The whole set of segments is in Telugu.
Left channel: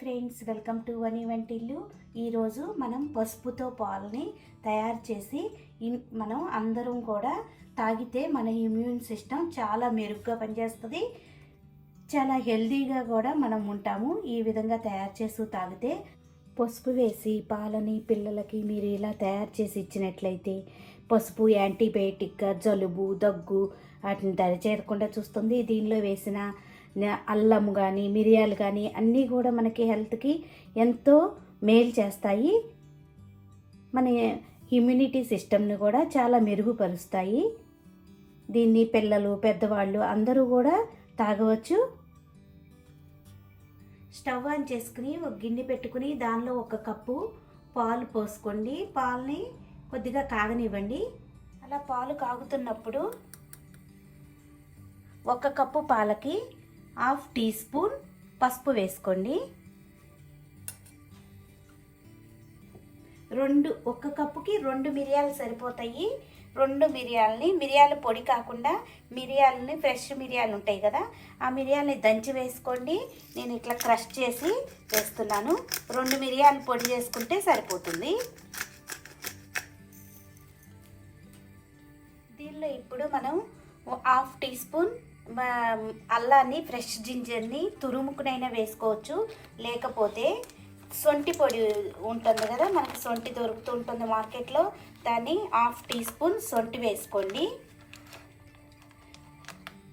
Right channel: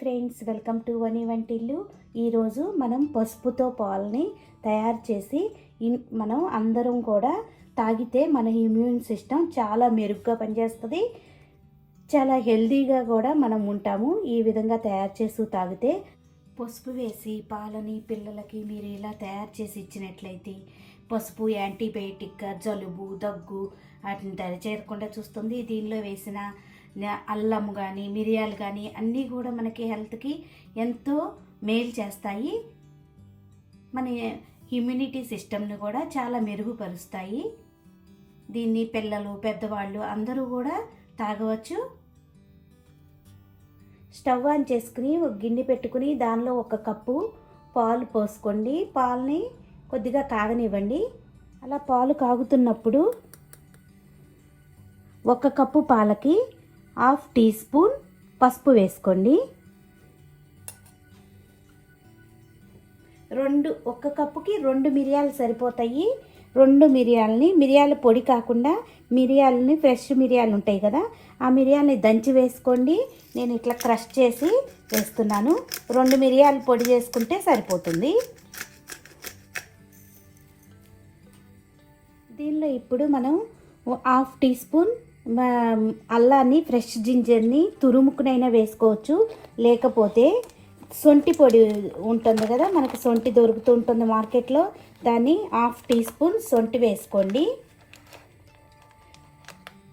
ఫ్రెండ్స్, వెల్కమ్ టు వని వంటిల్లు. ఈరోజు మనం పసుపుతో పాలని తయారు చేసి మనం అందరం కూడా తాగితే మన ఇమ్యూన్ సిస్టమ్ చాలా మెరుగ్గా పనిచేస్తుంది. చాలా హెల్తీగా కూడా మనం ఉంటాము. ఈ విధంగా తయారు చేసి తాగితే పసుపు వేసి పాలని పిల్లలకి మీరు ఇలా తయారు చేసి ఇచ్చినట్లయితే పసుపు యాంటీబయాటిక్గా జలుబు దగ్గు వాటిని దరిచేరకుండా చూస్తుంది. దీనిలో వేసిన అల్లం కానీ మిరియాలు కానీ అన్నీ కూడా మనకి హెల్త్కి ఎంతో మేలు చేస్తాయి. మన ఇమ్యూనిటీ సిస్టమ్ని కూడా చాలా మెరుగుపరుస్తాయి. దీన్ని పిల్లలు పెద్దవాళ్ళు అందరూ కూడా తాగవచ్చు. స్టవ్ ఆన్ చేసుకుని ఒక గిన్నె పెట్టుకుని దానిలో 1 కప్పు పాలు పోసుకోండి. పాలని కొద్దిగా కాగనివ్వండి. అలా పాలు కాగుతున్నప్పుడు 1 కప్పు పాలకి 1/2 టీ స్పూన్ పసుపు వేసుకోండి. 1 కప్పుకి 2 మిరియాలు సరిపోతాయి. 2 మిరియాలని, మిరియాల పొడి కాకుండా మిరియాలని ఫ్రెష్ మిరియాలు ఉంటాయి కదా, ఆ మిరియాలని దంచి వేసుకోండి. నేను ఇట్లా క్రష్ చేసి వేస్తున్నాను. 2 మిరియాలు పొడి చేసుకుంటే సరిపోతుంది. దీనిలో ఇప్పుడు మనం 1/2 టీ స్పూన్ అల్లాన్ని, ఫ్రెష్ జింజర్ని తురుముకునైనా వేసుకోవచ్చు. లేకపోతే సొంటి పొడి ఉంటుంది కదా, మనకి సొంటి దొరుకుతూ ఉంటుంది మార్కెట్లో, దాన్ని 1/2 టీ స్పూన్ సొంటి వేసుకోండి.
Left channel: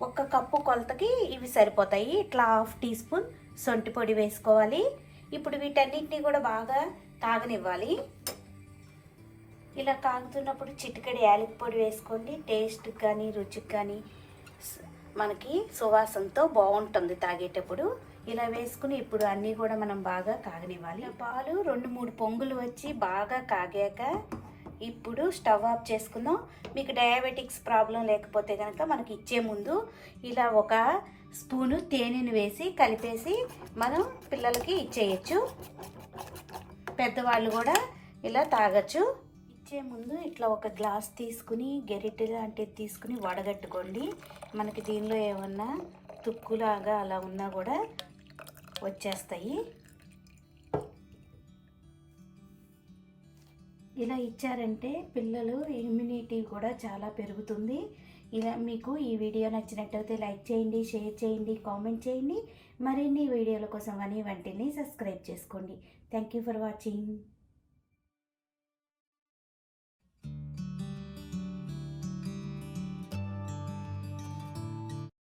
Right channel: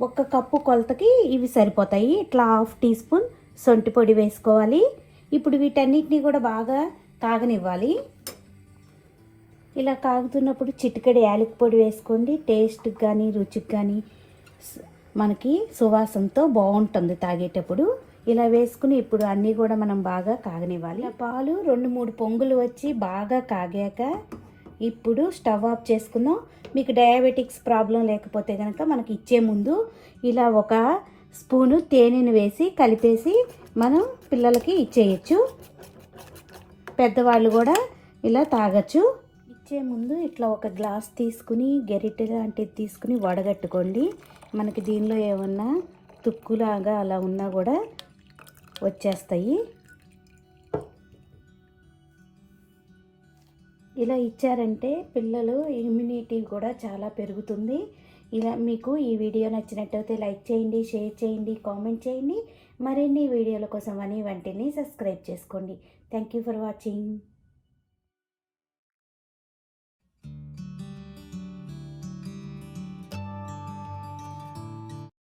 1 కప్పు కొలతకి ఇవి సరిపోతాయి. ఇట్లా 1/2 టీ స్పూన్ సొంటి పొడి వేసుకోవాలి. ఇప్పుడు వీటన్నిటిని కూడా బాగా కాగనివ్వాలి. ఇలా కాగుతున్నప్పుడు చిటికెడు యాలకి పొడి వేసుకోండి. టేస్ట్కి కానీ రుచికి కానీ మనకి సువాసనతో బాగుంటుంది తాగేటప్పుడు. ఇలా వేసుకుని ఇప్పుడు అన్నీ కూడా మనం బాగా కాగనివ్వాలి. పాలు 2-3 పొంగులు వచ్చి బాగా కాగాక ఇప్పుడు స్టవ్ ఆఫ్ చేసుకుందాం. మీకు డయాబెటిక్స్ ప్రాబ్లం లేకపోతే కనుక మనకి ఇచ్చే ముందు ఇలా 1 స్పూను తేనెను వేసి కలిపేసి మనం పిల్లలకి ఇచ్చేయచ్చు. పెద్దవాళ్ళు కూడా ఇలా తాగొచ్చు. ఇచ్చే ముందు ఇట్లా 1 గ్లాస్ తీసుకుని గెరిటె లాంటిది తీసుకుని వడగట్టుకోండి. మనకి దీనిలో ఏమన్నా తుక్కులాగా అలా ఉన్నా కూడా వచ్చేస్తాయి. ఇలా ఇచ్చారంటే పిల్లలు ఇమ్యూనిటీ కూడా చాలా పెరుగుతుంది. ఇలా మీకు ఈ వీడియో నచ్చినట్టయితే లైక్ చేయండి, షేర్ చేయండి, కామెంట్ చేయండి. మరిన్ని వీడియోల కోసం వని వంటిల్ని సబ్స్క్రైబ్ చేసుకోండి. Thank you for watching.